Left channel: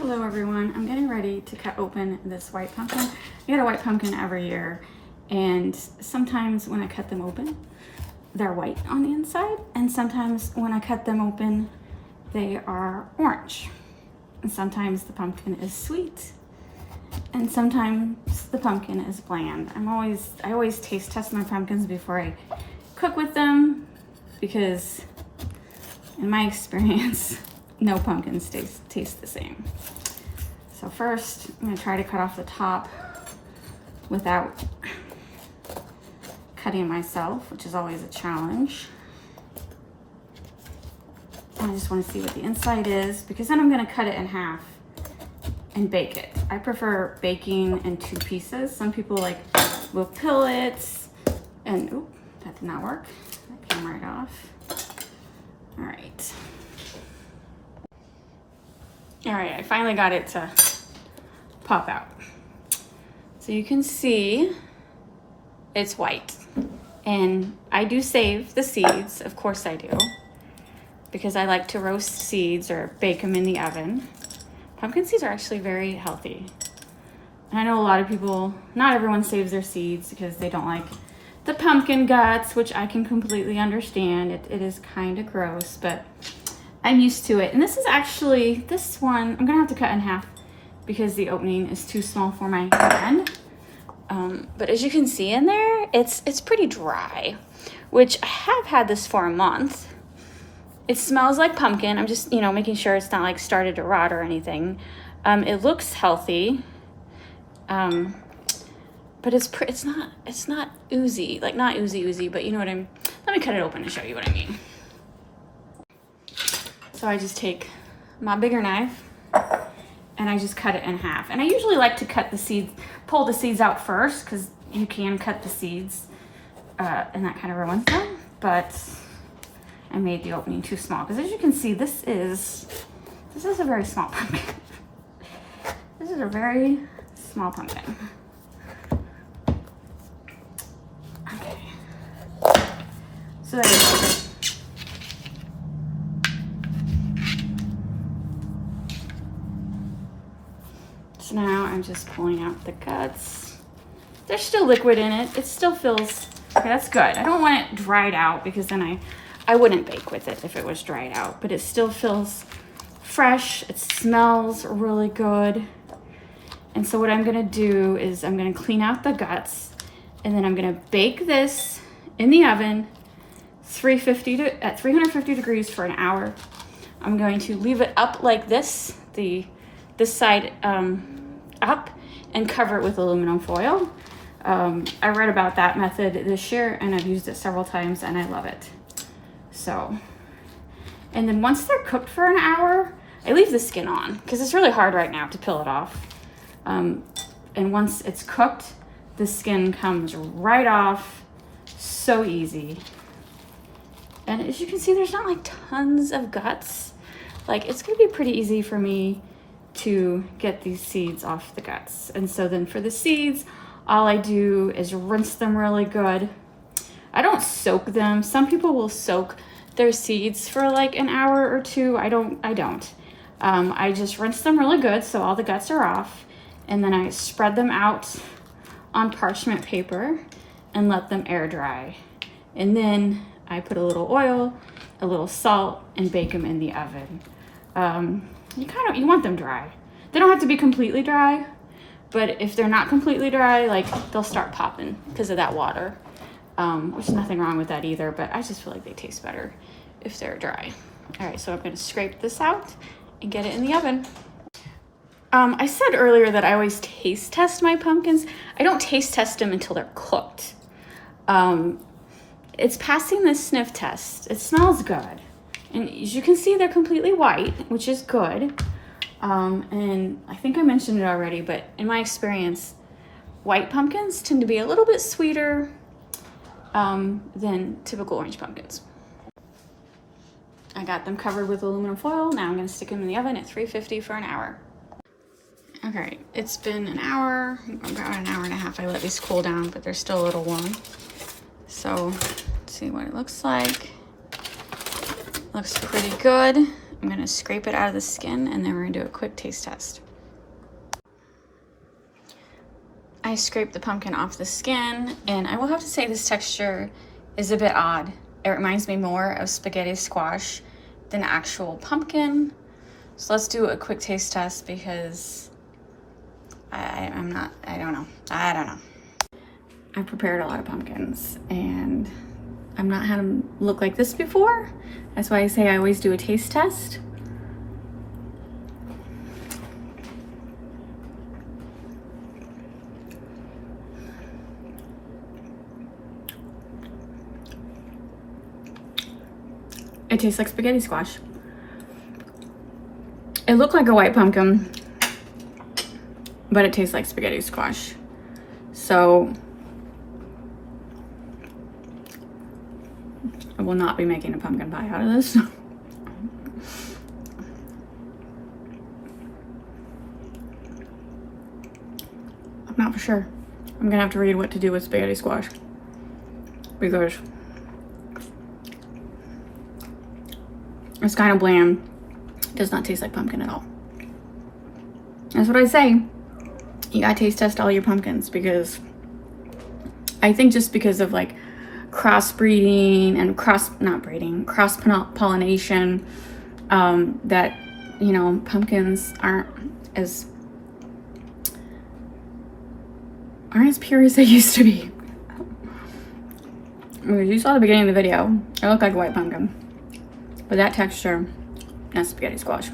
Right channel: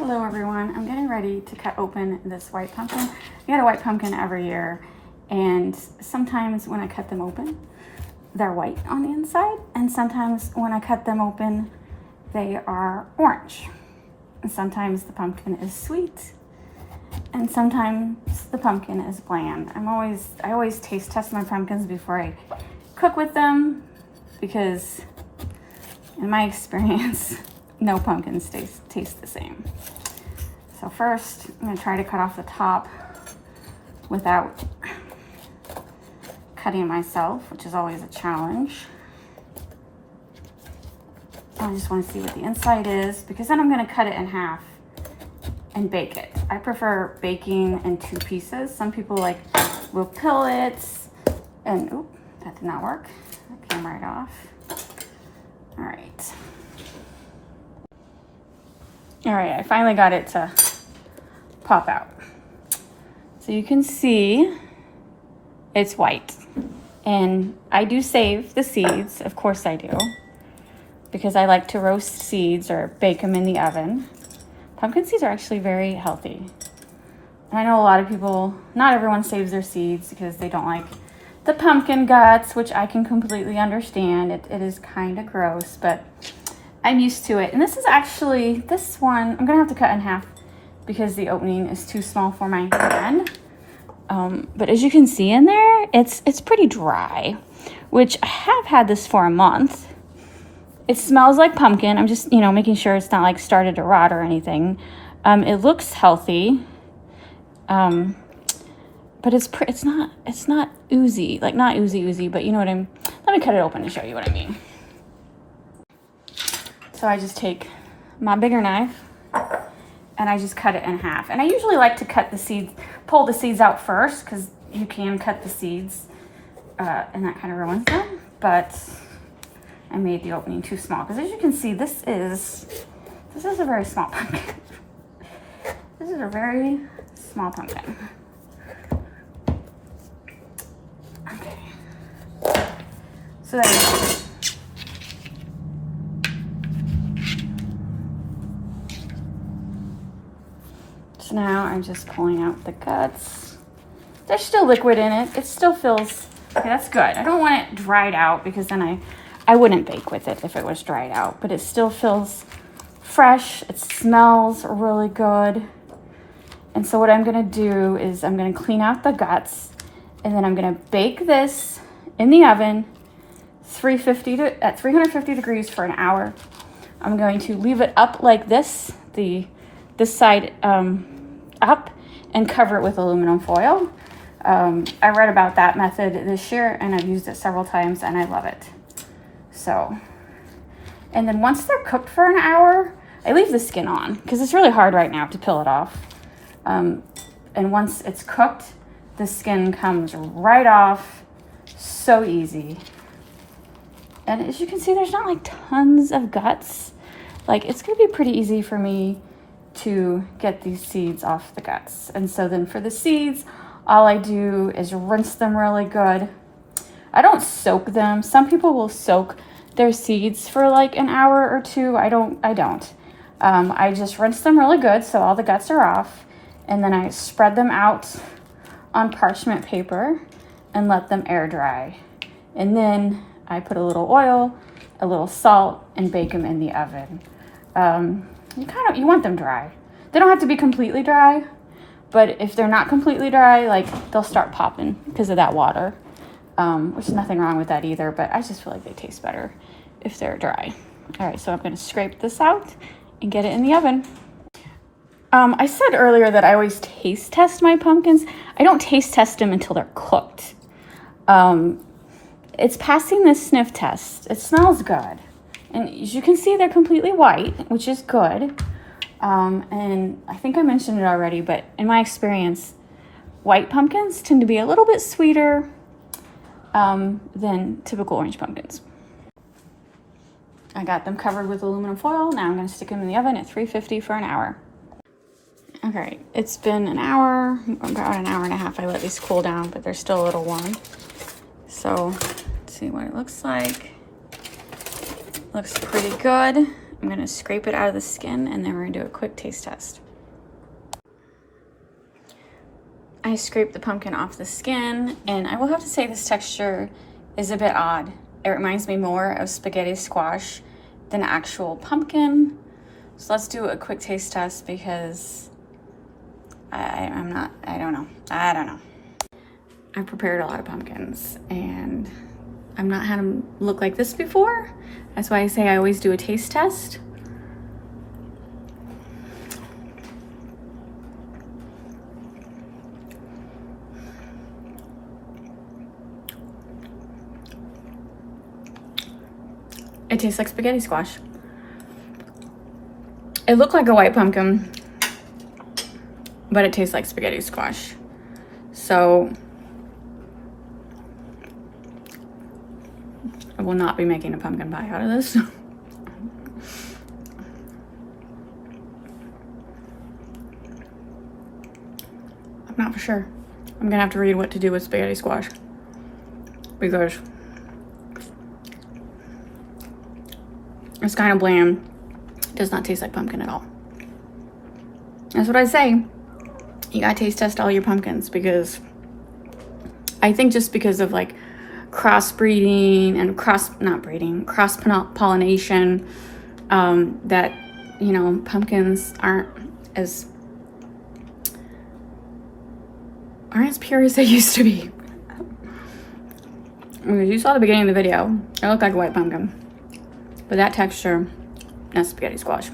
Hello everyone, I'm getting ready to cut open this white pumpkin. I get a white pumpkin every year, and sometimes when I cut them open, they're white on the inside, and sometimes when I cut them open, they are orange. And sometimes the pumpkin is sweet, and sometimes the pumpkin is bland. I always taste test my pumpkins before I cook with them, because in my experience, no pumpkins taste the same. So first, I'm gonna try to cut off the top without cutting myself, which is always a challenge. I just wanna see what the inside is, because then I'm gonna cut it in half and bake it. I prefer baking in 2 pieces. Some people will peel it, and oop, that did not work. That came right off. All right. All right, I finally got it to pop out. So you can see it's white. And I do save the seeds, of course I do, because I like to roast seeds or bake them in the oven. Pumpkin seeds are actually very healthy. I know a lot of people, not everyone saves their seeds because they don't like the pumpkin guts, which I can completely understand. It is kind of gross, but I'm used to it. And this is actually, this one, I'm gonna have to cut in half because the opening is too small for my hand. But as you can see in there, it's pretty dry, which I have had this for a month. It smells like pumpkin. I'm just, making sure it's not started to rot or anything. It looks healthy, but it's not oozy, not oozy, but you know what let me cut it open to show you what I mean. So I just take my bigger knife and I just cut it in half. And I usually like to cut the seeds, pull the seeds out first, because you can cut the seeds and that kind of ruins them. But I made the opening too small, because as you can see, this is a very small pumpkin. This is a very small pumpkin. Okay. So there you go. So now I'm just pulling out the guts. There's still liquid in it. It still feels, okay, that's good. I don't want it dried out, because then I wouldn't bake with it if it was dried out, but it still feels fresh. It smells really good. And so what I'm gonna do is I'm gonna clean out the guts, and then I'm gonna bake this in the oven at 350 degrees for an hour. I'm going to leave it up like this, this side up, and cover it with aluminum foil. I read about that method this year, and I've used it several times, and I love it. So, and then once they're cooked for an hour, I leave the skin on, because it's really hard right now to peel it off. And once it's cooked, the skin comes right off, so easy. And as you can see, there's not tons of guts. It's gonna be pretty easy for me to get these seeds off the guts. And so then for the seeds, all I do is rinse them really good. I don't soak them. Some people will soak their seeds for an hour or 2. I don't. I just rinse them really good so all the guts are off, and then I spread them out on parchment paper and let them air dry. And then I put a little oil, a little salt, and bake them in the oven. You want them dry. They don't have to be completely dry, but if they're not completely dry, they'll start popping because of that water, which is nothing wrong with that either, but I just feel like they taste better if they're dry. All right, so I'm gonna scrape this out and get it in the oven. I said earlier that I always taste test my pumpkins. I don't taste test them until they're cooked. It's passing the sniff test. It smells good. And as you can see, they're completely white, which is good. And I think I mentioned it already, but in my experience, white pumpkins tend to be a little bit sweeter than typical orange pumpkins. I got them covered with aluminum foil. Now I'm gonna stick them in the oven at 350 for an hour. Okay, it's been an hour, about an hour and a half. I let these cool down, but they're still a little warm. So let's see what it looks like. Looks pretty good. I'm gonna scrape it out of the skin and then we're gonna do a quick taste test. I scraped the pumpkin off the skin, and I will have to say this texture is a bit odd. It reminds me more of spaghetti squash than actual pumpkin. So let's do a quick taste test because I don't know. I don't know. I've prepared a lot of pumpkins and I've not had them look like this before. That's why I say I always do a taste test. It tastes like spaghetti squash. It looked like a white pumpkin, but it tastes like spaghetti squash. So I will not be making a pumpkin pie out of this. I'm not for sure. I'm gonna have to read what to do with spaghetti squash because it's kind of bland. It does not taste like pumpkin at all. That's what I say. You gotta taste test all your pumpkins because I think just because of like crossbreeding and cross pollination, that, you know, pumpkins aren't as pure as they used to be. You saw the beginning of the video. It looked like a white pumpkin. But that texture, that's spaghetti squash.